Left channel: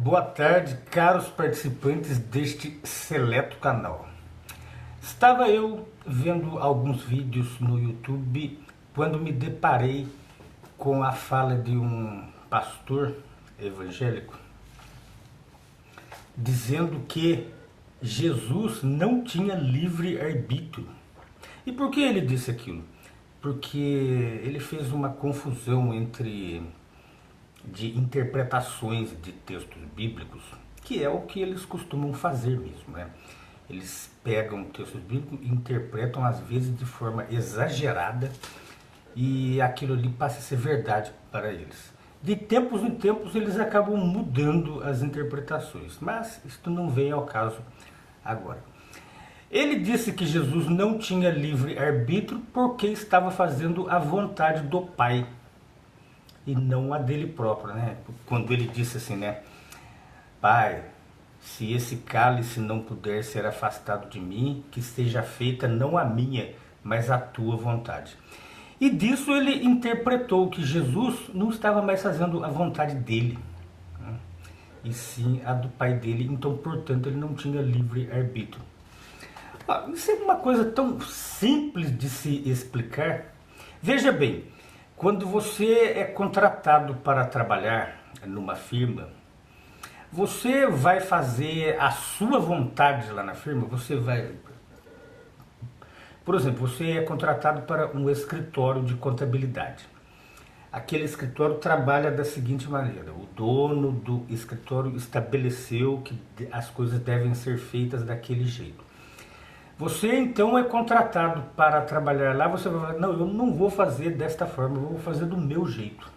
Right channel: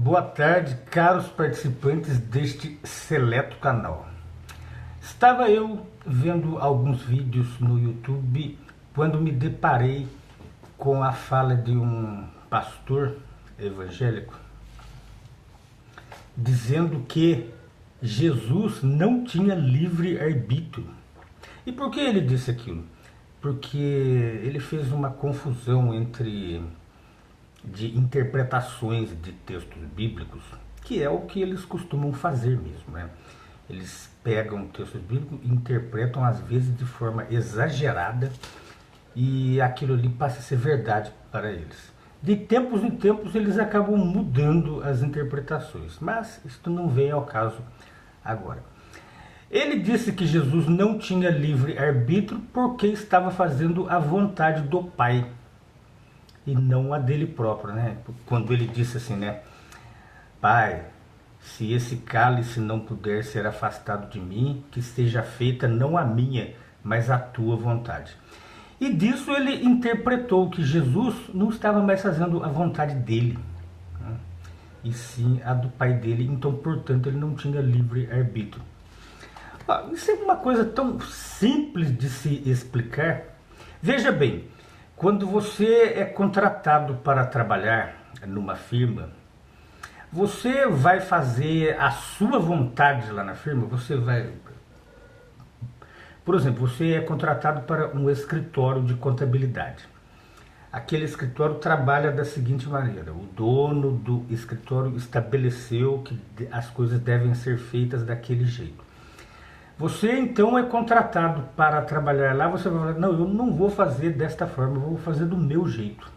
Boa tarde, caros participantes deste seleto canal. Estava eu vendo alguns vídeos no YouTube quando me deparei com a fala de um pastor evangélico dizendo que Jesus não tinha livre-arbítrio. E por que ele disse aquilo? Porque ele fez uma confusão de interpretações de textos bíblicos, que é o que eles costumam fazer mesmo, né? Eles pegam textos bíblicos e interpretam às vezes de forma exagerada e aquilo ali passa a ser verdade para eles. De tempos em tempos eles acabam mudando as interpretações, mas isto não vem ao caso agora. Ele disse que Jesus não tinha livre-arbítrio porque estava fazendo a vontade do Pai e não a dele próprio, né? Quando ele disse assim, né? Pai, se esse cálice não puder ser afastado de mim, que seja feita não a minha, mas a tua vontade. E disso ele interpretou que Jesus não estava mais fazendo a vontade dele, né? E sim a do Pai dele, então, portanto, ele não tinha livre-arbítrio. Isso é uma coisa tão simples de se explicar. Veja bem, quando você é contratado para trabalhar numa firma, você vai fazer a sua vontade lá na firma, por exemplo, você é contratado para um escritório de contabilidade. Aquele escritório trabalha da seguinte maneira: o dono do escritório estabeleceu que as coisas devem ser feitas daquele jeito. Você então é contratado para trabalhar lá, você vai falar, não, eu não vou fazer desta forma, eu vou fazer do meu jeito.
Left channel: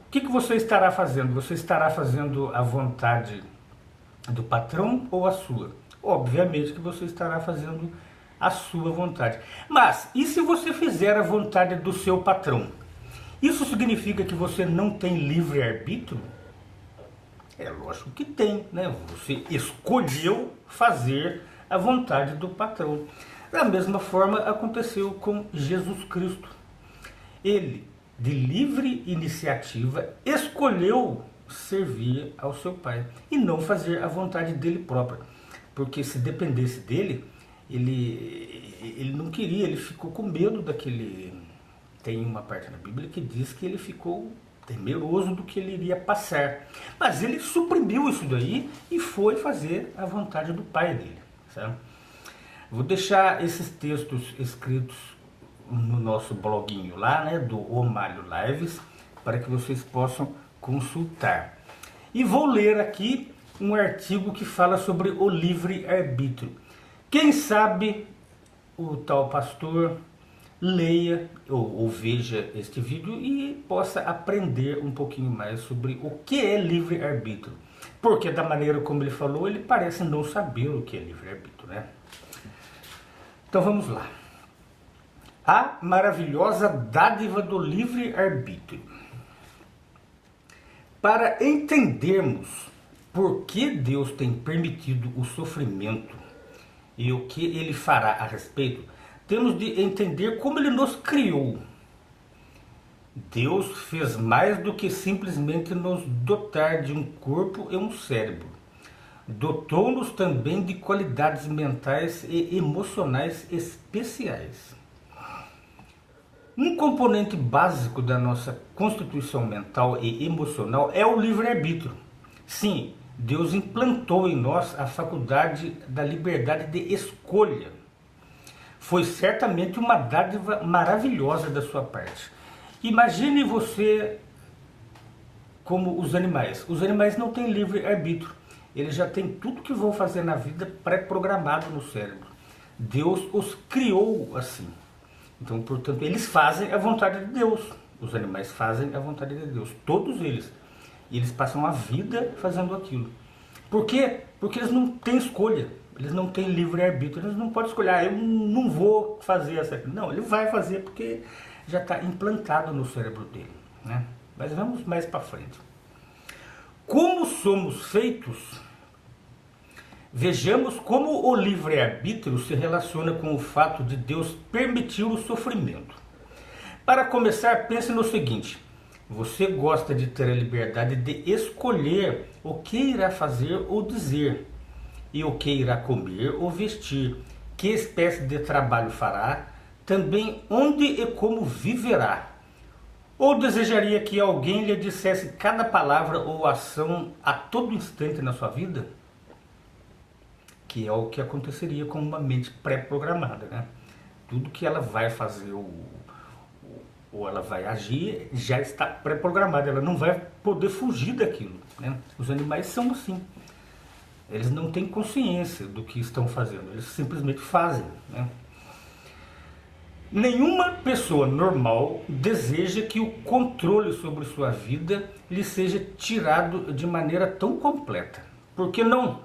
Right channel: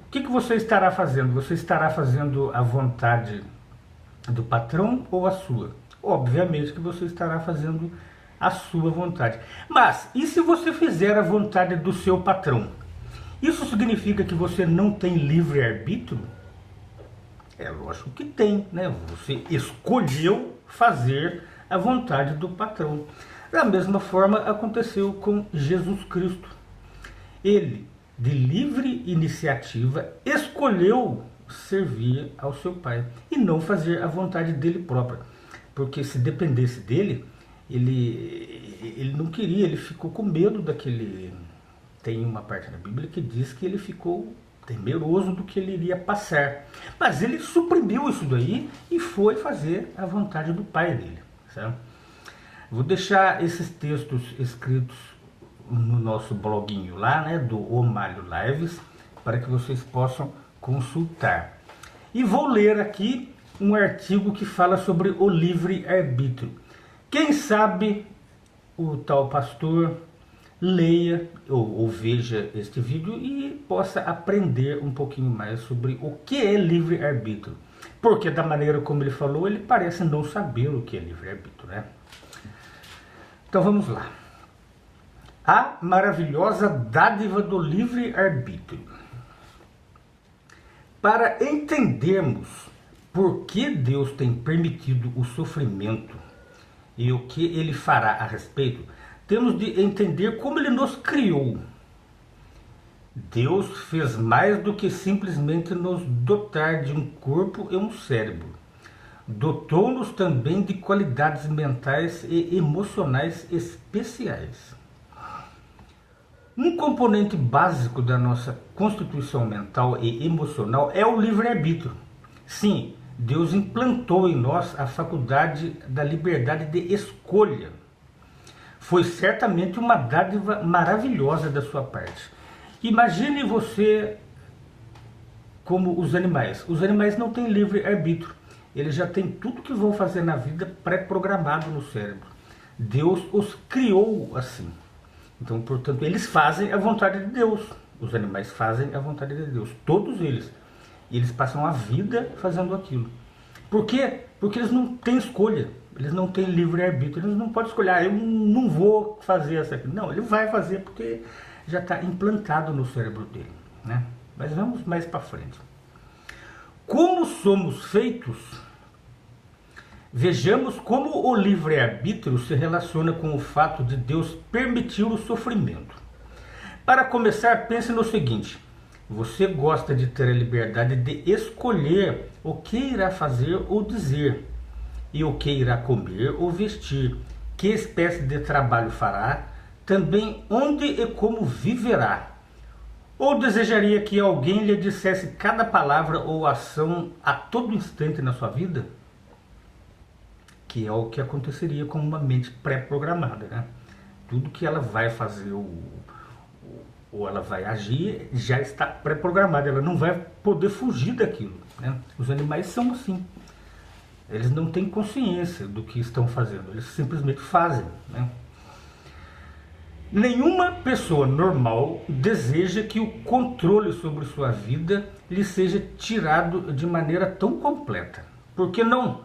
O que você estará fazendo? Você estará fazendo a vontade do patrão ou a sua? Obviamente que você estará fazendo a sua vontade. Mas, e se você fizer a vontade do seu patrão? Isso significa que você não tem livre-arbítrio? É lógico que tem, né? Você escolheu fazer a vontade do patrão. Da mesma forma aconteceu com Jesus Cristo. Ele, de livre iniciativa, escolheu servir ao seu Pai e não fazer a vontade dele própria. Porque se dependesse dele, ele não queria, ele ficou com medo daquele... Tem uma parte na Bíblia que diz que ele ficou temeroso do que ele iria passar. Mas ele suprimiu isso daí e foi fazer a vontade do Pai dele. Certo? Vou deixar esses textos escritos no nosso bloguinho lá, né, do O Malho Lives, para que vocês possam consultar. E vou ler aqui um artigo que fala sobre o livre-arbítrio. Quem sabe o tal pastor leia ou veja este vídeo e possa aprender um pouquinho mais sobre o que é livre-arbítrio. Porque da maneira como ele falou, ele parece não saber o que é livre-arbítrio, né? Então vamos lá. A maravilhosa dádiva do livre-arbítrio. Para entendermos por que Deus tem permitido o sofrimento e o que ele fará a respeito, temos de entender como ele nos criou. Deus fez mais do que simplesmente nos dotar de um corpo e um cérebro. Dotou-nos também de qualidades mentais e emocionais especiais. Um componente básico da nossa constituição mental e emocional é o livre-arbítrio. Sim, Deus implantou em nós a faculdade da liberdade de escolha. Foi certamente uma dádiva maravilhosa da sua parte. Imagine você como os animais. Os animais não têm livre-arbítrio. Eles já têm tudo que vão fazer na vida pré-programado no cérebro. Deus os criou assim. Então, portanto, eles fazem a vontade de Deus. Os animais fazem a vontade de Deus. Todos eles. E eles passam a vida fazendo aquilo. Por quê? Porque eles não têm escolha. Eles não têm livre-arbítrio. Eles não podem escolher. Eu não vou fazer essa aqui. Não, ele vai fazer porque já está implantado no cérebro dele, né? Mas vamos mais para frente. Como somos feitos? Vejamos como o livre-arbítrio se relaciona com o fato de Deus permitir o sofrimento. Para começar, pense no seguinte: Você gosta de ter a liberdade de escolher o que irá fazer ou dizer, e o que irá comer ou vestir, que espécie de trabalho fará, também onde e como viverá. Ou desejaria que alguém lhe dissesse cada palavra ou ação a todo instante na sua vida? Que é o que aconteceria com uma mente pré-programada, né? Tudo que ela vai fazer ou ela vai agir já está pré-programado, ela não vai poder fugir daquilo, né? Os animais são assim, eles não têm consciência do que estão fazendo, eles simplesmente fazem, né? Nenhuma pessoa normal deseja que o controle sobre sua vida lhe seja tirado de maneira tão completa. Por que não?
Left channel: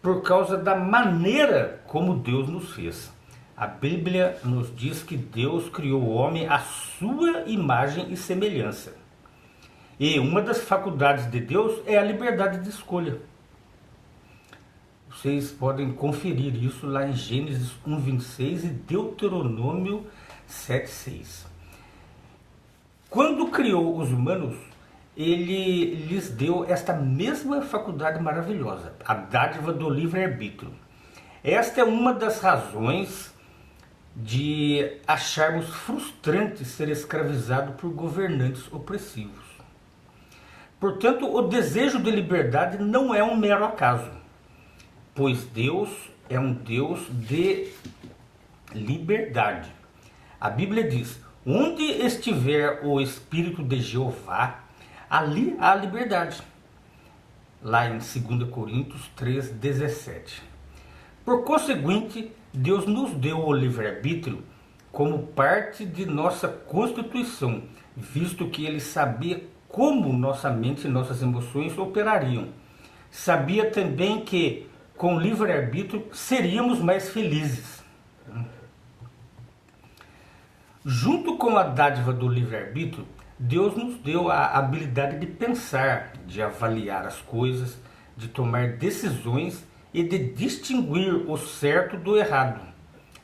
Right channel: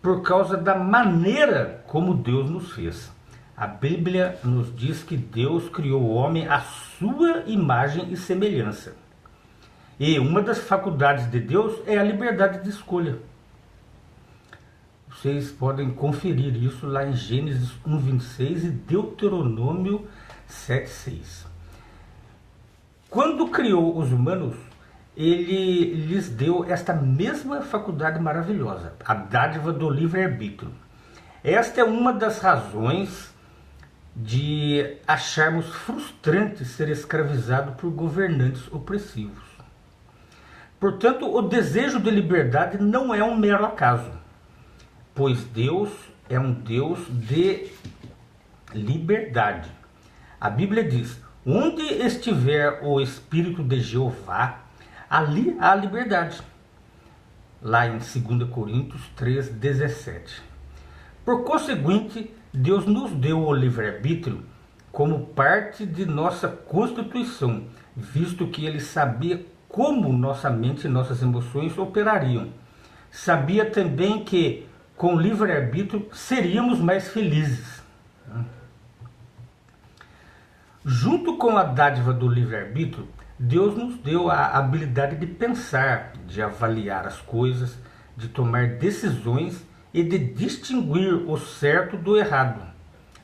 Por causa da maneira como Deus nos fez. A Bíblia nos diz que Deus criou o homem à sua imagem e semelhança. E uma das faculdades de Deus é a liberdade de escolha. Vocês podem conferir isso lá em Gênesis 1:26 e Deuteronômio 7:6. Quando criou os humanos, ele lhes deu esta mesma faculdade maravilhosa, a dádiva do livre-arbítrio. Esta é uma das razões de acharmos frustrante ser escravizado por governantes opressivos. Portanto, o desejo de liberdade não é um mero acaso, pois Deus é um Deus de liberdade. A Bíblia diz: onde estiver o Espírito de Jeová, ali há liberdade. Lá em 2 Coríntios 3:17. Por conseguinte, Deus nos deu o livre-arbítrio como parte de nossa Constituição, visto que Ele sabia como nossa mente e nossas emoções operariam. Sabia também que, com livre-arbítrio, seríamos mais felizes. Junto com a dádiva do livre-arbítrio, Deus nos deu a habilidade de pensar, de avaliar as coisas, de tomar decisões e de distinguir o certo do errado.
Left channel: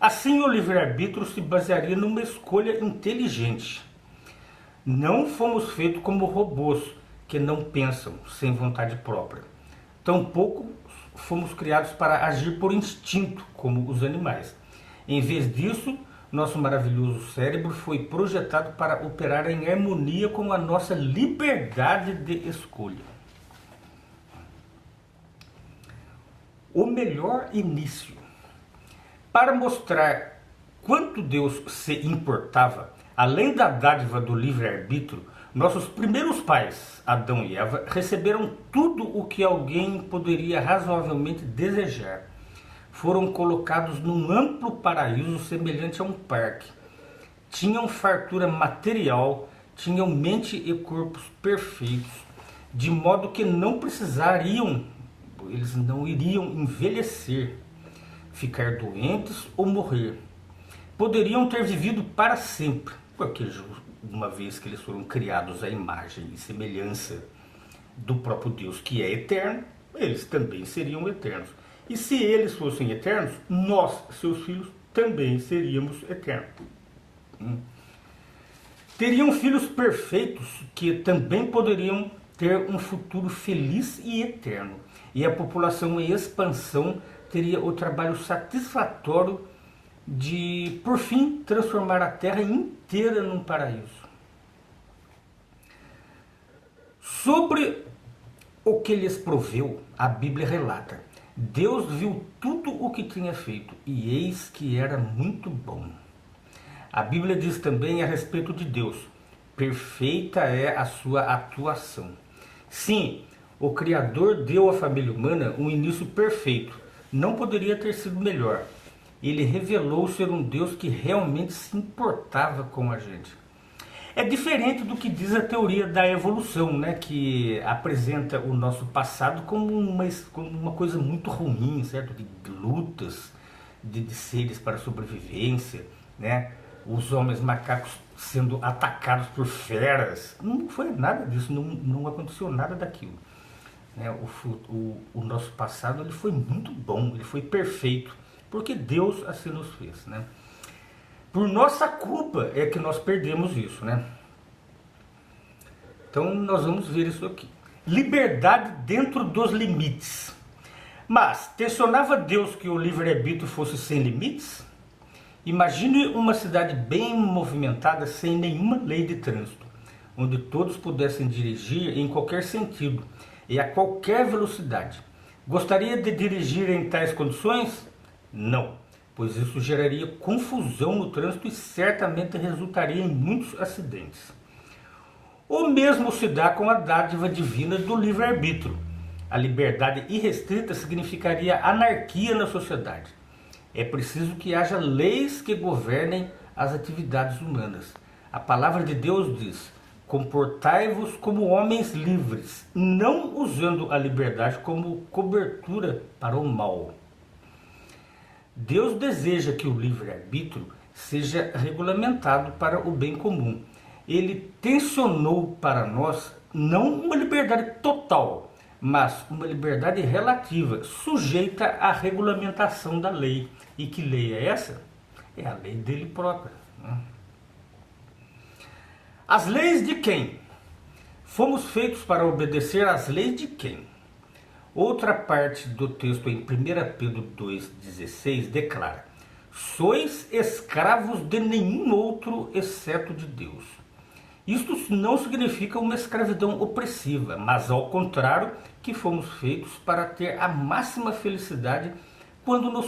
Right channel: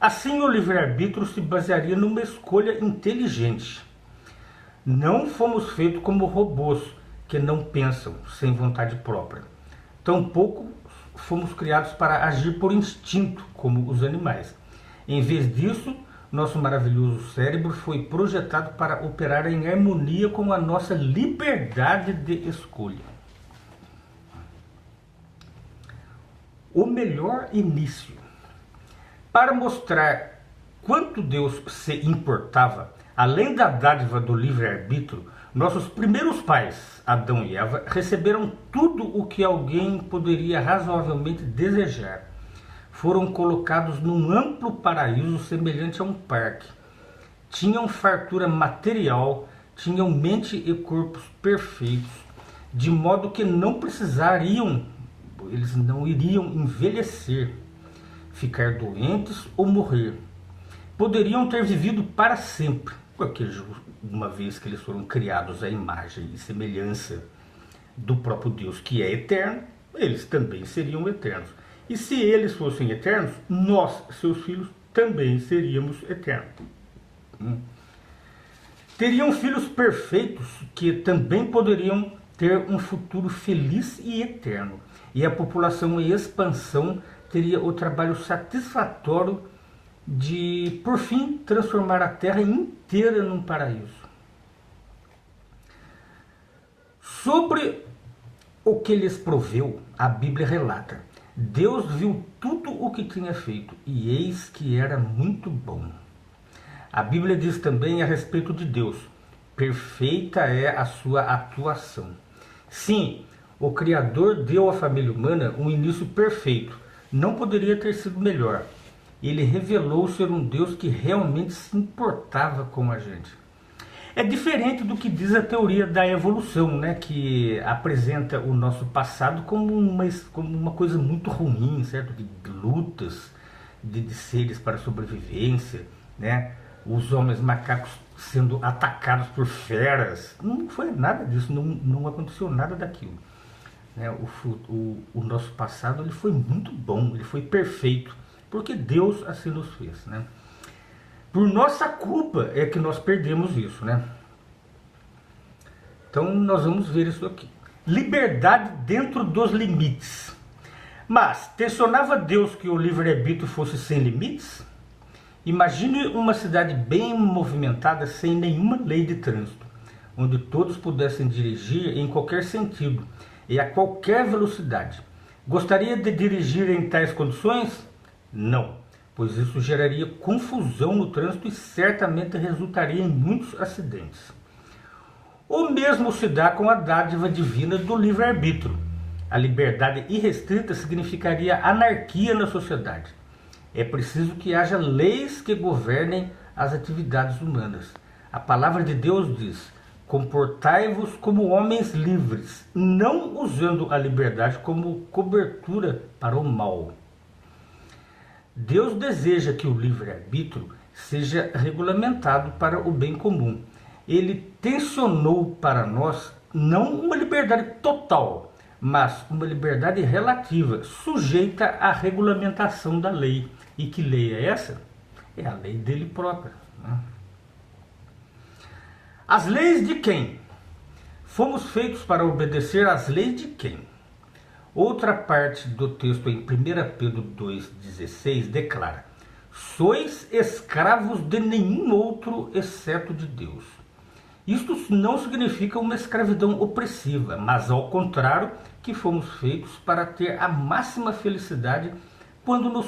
Assim, o livre-arbítrio se basearia numa escolha inteligente. Não fomos feitos como robôs que não pensam sem vontade própria. Tampouco fomos criados para agir por instinto, como os animais. Em vez disso, nosso maravilhoso cérebro foi projetado para operar em harmonia com a nossa liberdade de escolha. O melhor início. Para mostrar quanto Deus se importava, além da dádiva do livre-arbítrio, nossos primeiros pais, Adão e Eva, receberam tudo o que alguém poderia razoavelmente desejar. Foram colocados num amplo paraíso semelhante a um parque. Tinham fartura material, tinham mente e corpos perfeitos, de modo que eles não iriam envelhecer, ficar doentes ou morrer. Poderiam ter vivido para sempre, porque uma vez que eles foram criados à imagem e semelhança do próprio Deus, que é eterno, eles também seriam eternos. E se eles fossem eternos, nós, seus filhos, também seríamos eternos. Teriam filhos perfeitos que também poderiam ter um futuro feliz e eterno. E a população em expansão teria o trabalho satisfatório de, por fim, transformar a Terra inteira num paraíso. Sobre o que lhes proveu, a Bíblia relata: Deus viu tudo o que tinha feito, e eis que era muito bom. A Bíblia diz também a respeito de Deus: perfeita é a sua atuação. Sim, o Criador deu à família humana um início perfeito. Não poderia ter sido melhor. Ele revelou ser um Deus que realmente se importava com a gente. É diferente do que diz a teoria da evolução, né, que apresenta o nosso passado como uma coisa muito ruim, certo? De lutas, de seres para a sobrevivência, né? Os homens macacos sendo atacados por feras. Não foi nada disso, não aconteceu nada daquilo. Né? O nosso passado ele foi muito bom, ele foi perfeito, porque Deus assim nos fez. Né? Por nossa culpa é que nós perdemos isso. Né? Então nós vamos ver isso aqui. Liberdade dentro dos limites. Mas tensionava Deus que o livre-arbítrio fosse sem limites? Imagine uma cidade bem movimentada sem nenhuma lei de trânsito, onde todos pudessem dirigir em qualquer sentido e a qualquer velocidade. Gostaria de dirigir em tais condições? Não, pois isso geraria confusão no trânsito e certamente resultaria em muitos acidentes. O mesmo se dá com a dádiva divina do livre-arbítrio. A liberdade irrestrita significaria anarquia na sociedade. É preciso que haja leis que governem as atividades humanas. A palavra de Deus diz: comportai-vos como homens livres, não usando a liberdade como cobertura para o mal. Deus deseja que o livre-arbítrio seja regulamentado para o bem comum. Ele tensionou para nós não uma liberdade total, mas uma liberdade relativa, sujeita à regulamentação da lei. E que lei é essa? É a lei dele própria. As leis de quem? Fomos feitos para obedecer às leis de quem? Outra parte do texto em 1 Pedro 2,16 declara: sois escravos de nenhum outro exceto de Deus. Isto não significa uma escravidão opressiva, mas ao contrário, que fomos feitos para ter a máxima felicidade quando nos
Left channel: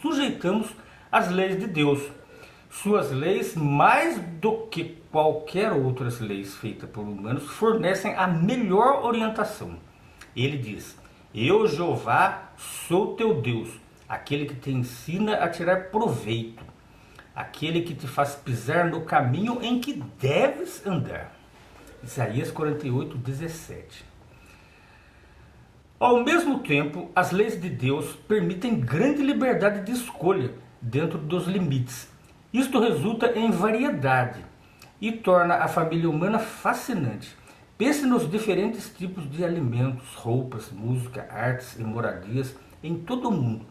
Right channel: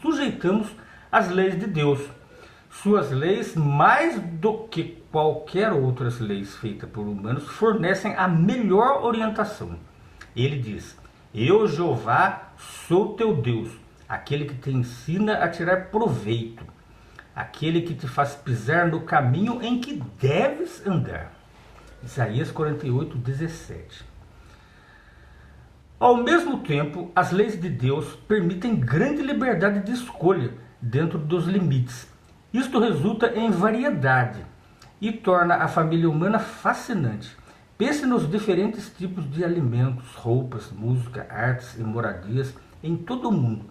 sujeitamos às leis de Deus. Suas leis, mais do que qualquer outras leis feitas por humanos, fornecem a melhor orientação. Ele diz: eu, Jeová, sou teu Deus, aquele que te ensina a tirar proveito, aquele que te faz pisar no caminho em que deves andar. Isaías 48, 17. Ao mesmo tempo, as leis de Deus permitem grande liberdade de escolha dentro dos limites. Isto resulta em variedade e torna a família humana fascinante. Pense nos diferentes tipos de alimentos, roupas, música, artes e moradias em todo o mundo.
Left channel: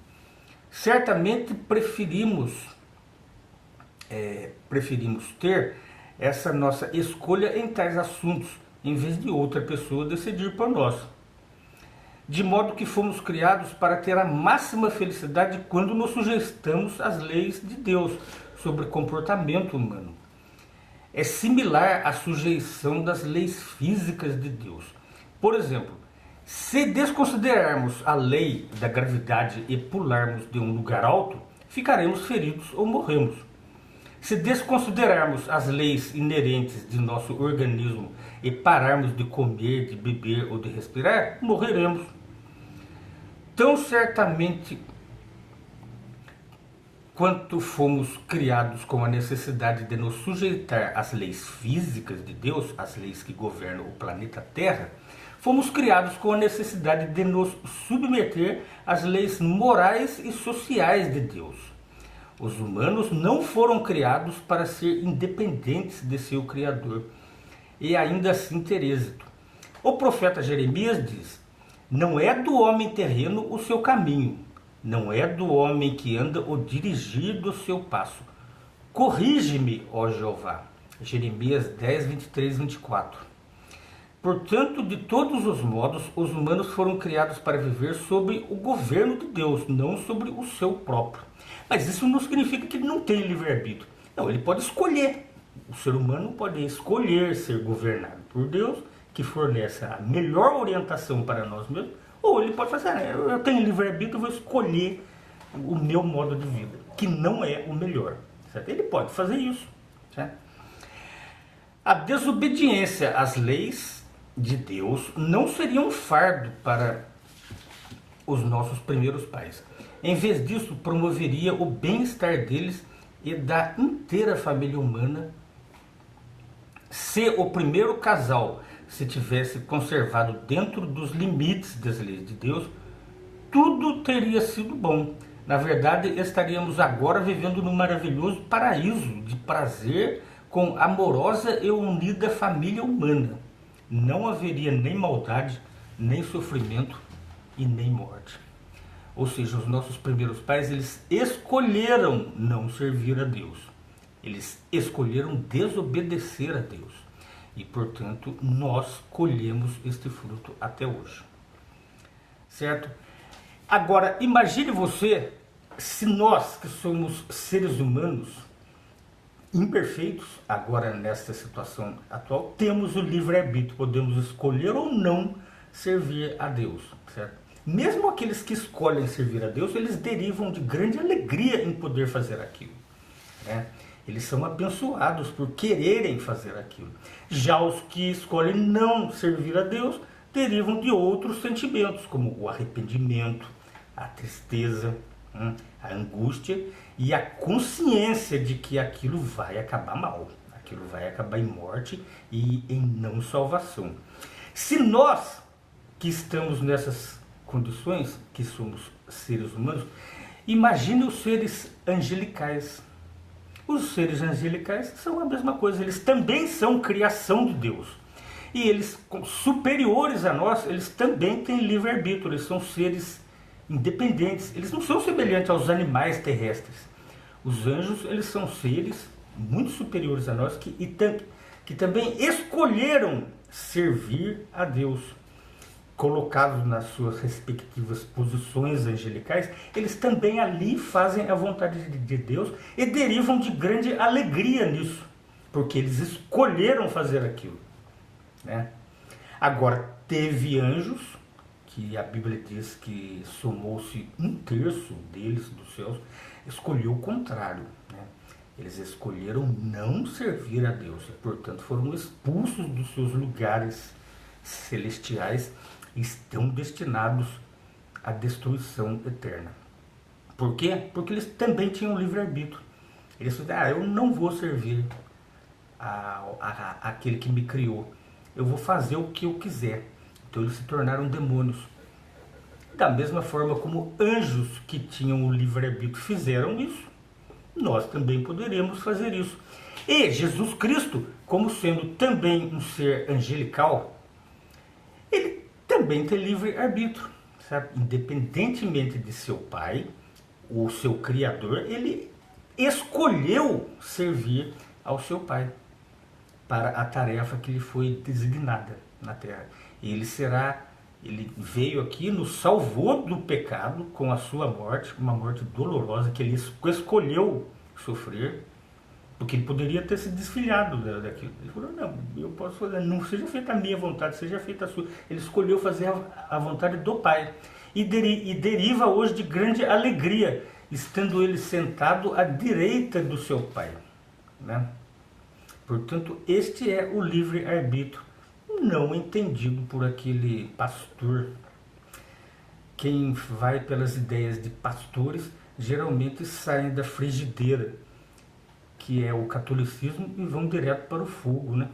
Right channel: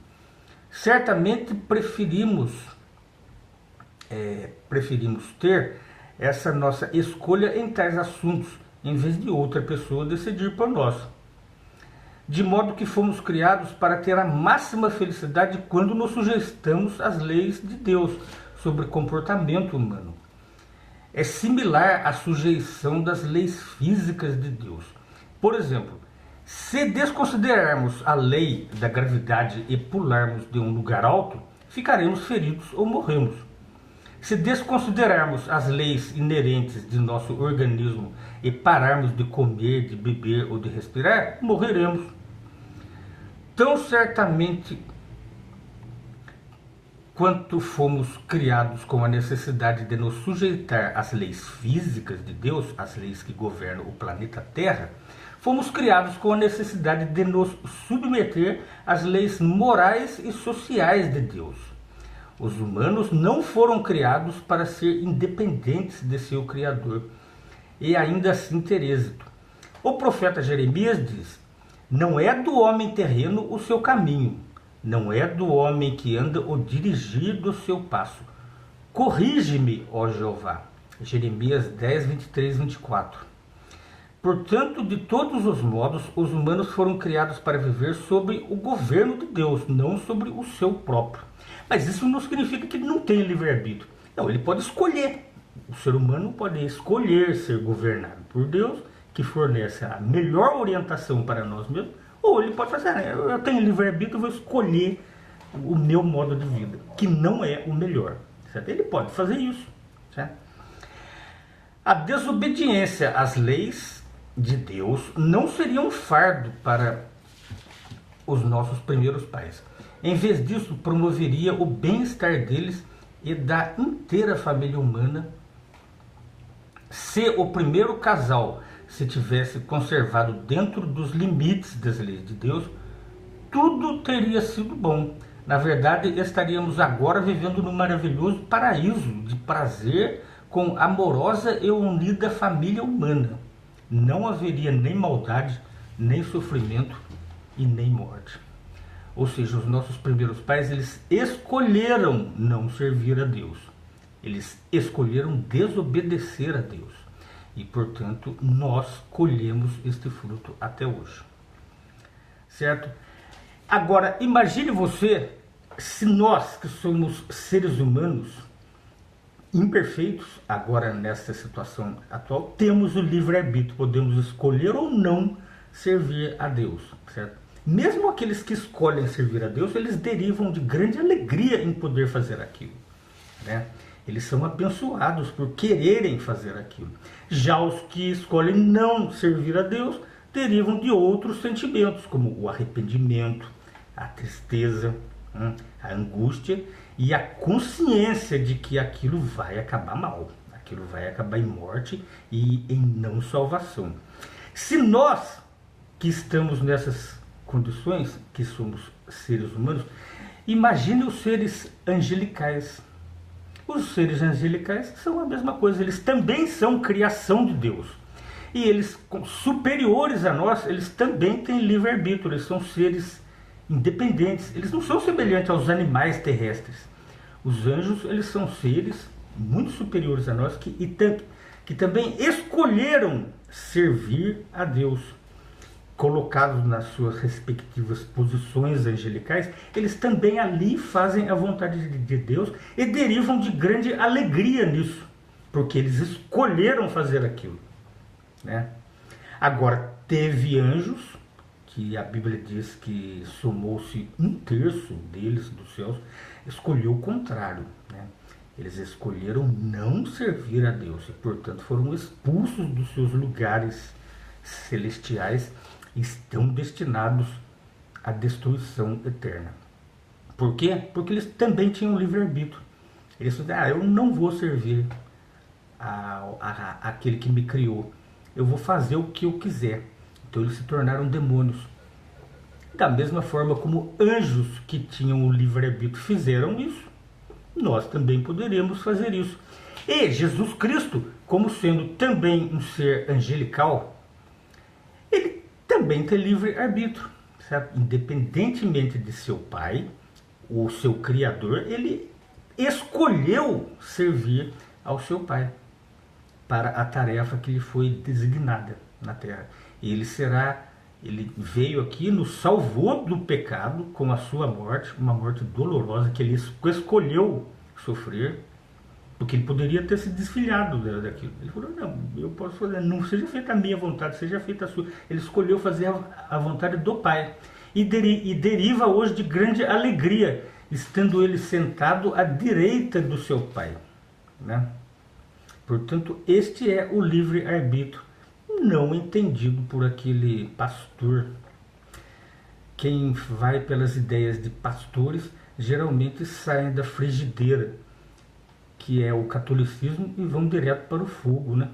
Certamente preferimos ter essa nossa escolha em tais assuntos, em vez de outra pessoa decidir por nós. De modo que fomos criados para ter a máxima felicidade quando nos sujeitamos às leis de Deus sobre comportamento humano. É similar à sujeição das leis físicas de Deus. Por exemplo, se desconsiderarmos a lei da gravidade e pularmos de um lugar alto, ficaremos feridos ou morremos. Se desconsiderarmos as leis inerentes de nosso organismo e pararmos de comer, de beber ou de respirar, morreremos. Tão certamente quanto fomos criados com a necessidade de nos sujeitar às leis físicas de Deus, as leis que governam o planeta Terra, fomos criados com a necessidade de nos submeter às leis morais e sociais de Deus. Os humanos não foram criados para ser independentes de seu Criador e ainda assim ter êxito. O profeta Jeremias diz: não é do homem terreno o seu caminho, não é do homem que anda o dirigir do seu passo. Corrige-me, ó Jeová. Jeremias 10, 23, 24. Portanto, de todos os modos, os humanos foram criados para viver sob o governo de Deus, não sobre o seu próprio. Mas isso não significa que ele não tem livre-arbítrio. Não, ele pode escolher. O ser humano pode escolher ser governado por Deus, que fornece a melhor orientação para nós mesmos, ou ele pode fazer: eu tenho livre-arbítrio, eu vou escolher o meu modo de vida, que não é o melhor. Certo? Ele pode fazer isso. Certo? A desobediência às leis de Deus não seria um fardo para os nossos primeiros pais. Em vez disso, promoveria o bem-estar deles e da inteira família humana. Se o primeiro casal se tivesse conservado dentro dos limites das leis de Deus, tudo teria sido bom. Na verdade, estaríamos agora vivendo num maravilhoso paraíso de prazer com amorosa e unida família humana. Não haveria nem maldade, nem sofrimento e nem morte. Ou seja, os nossos primeiros pais, eles escolheram não servir a Deus. Eles escolheram desobedecer a Deus. E, portanto, nós colhemos este fruto até hoje. Certo? Agora, imagine você, se nós que somos seres humanos imperfeitos, agora nessa situação atual, temos o livre-arbítrio, podemos escolher ou não servir a Deus, certo? Mesmo aqueles que escolhem servir a Deus, eles derivam de grande alegria em poder fazer aquilo, né? Eles são abençoados por quererem fazer aquilo. Já os que escolhem não servir a Deus, derivam de outros sentimentos, como o arrependimento, a tristeza, a angústia e a consciência de que aquilo vai acabar mal, aquilo vai acabar em morte e em não salvação. Se nós que estamos nessas condições, que somos seres humanos, imagine os seres angelicais. Os seres angelicais são a mesma coisa, eles também são criação de Deus. E eles, superiores a nós, eles também têm livre-arbítrio, eles são seres independentes, eles não são semelhantes aos animais terrestres. Os anjos, eles são seres muito superiores a nós que também escolheram servir a Deus. Colocados nas suas respectivas posições angelicais, eles também ali fazem a vontade de Deus e derivam de grande alegria nisso, porque eles escolheram fazer aquilo, né? Agora, teve anjos, que a Bíblia diz que somou-se 1/3 deles dos céus, escolheu o contrário, né? Eles escolheram não servir a Deus e, portanto, foram expulsos dos seus lugares celestiais, estão destinados à destruição eterna. Por quê? Porque eles também tinham livre-arbítrio. Eles falaram, eu não vou servir àquele que me criou. Eu vou fazer o que eu quiser. Então eles se tornaram demônios. Da mesma forma como anjos que tinham o livre-arbítrio fizeram isso, nós também poderemos fazer isso. E Jesus Cristo, como sendo também um ser angelical, ele também tem livre-arbítrio, certo? Independentemente de seu pai, o seu criador, ele escolheu servir ao seu pai para a tarefa que lhe foi designada na terra. Ele veio aqui, nos salvou do pecado com a sua morte, uma morte dolorosa que ele escolheu sofrer, porque ele poderia ter se desfilhado daquilo. Ele falou, não, eu posso fazer, não seja feita a minha vontade, seja feita a sua. Ele escolheu fazer a vontade do Pai. E deriva hoje de grande alegria, estando ele sentado à direita do seu Pai, né? Portanto, este é o livre-arbítrio, não entendido por aquele pastor. Quem vai pelas ideias de pastores, geralmente saem da frigideira, que é o catolicismo, e vão direto para o fogo, né?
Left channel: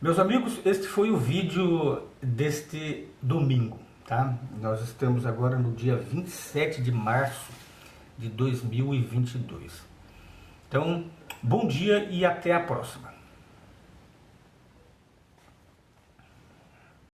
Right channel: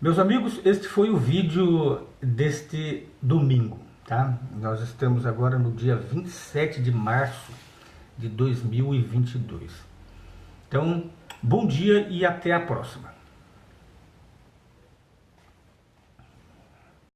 Meus amigos, este foi o vídeo deste domingo, tá? Nós estamos agora no dia 27 de março de 2022. Então, bom dia e até a próxima.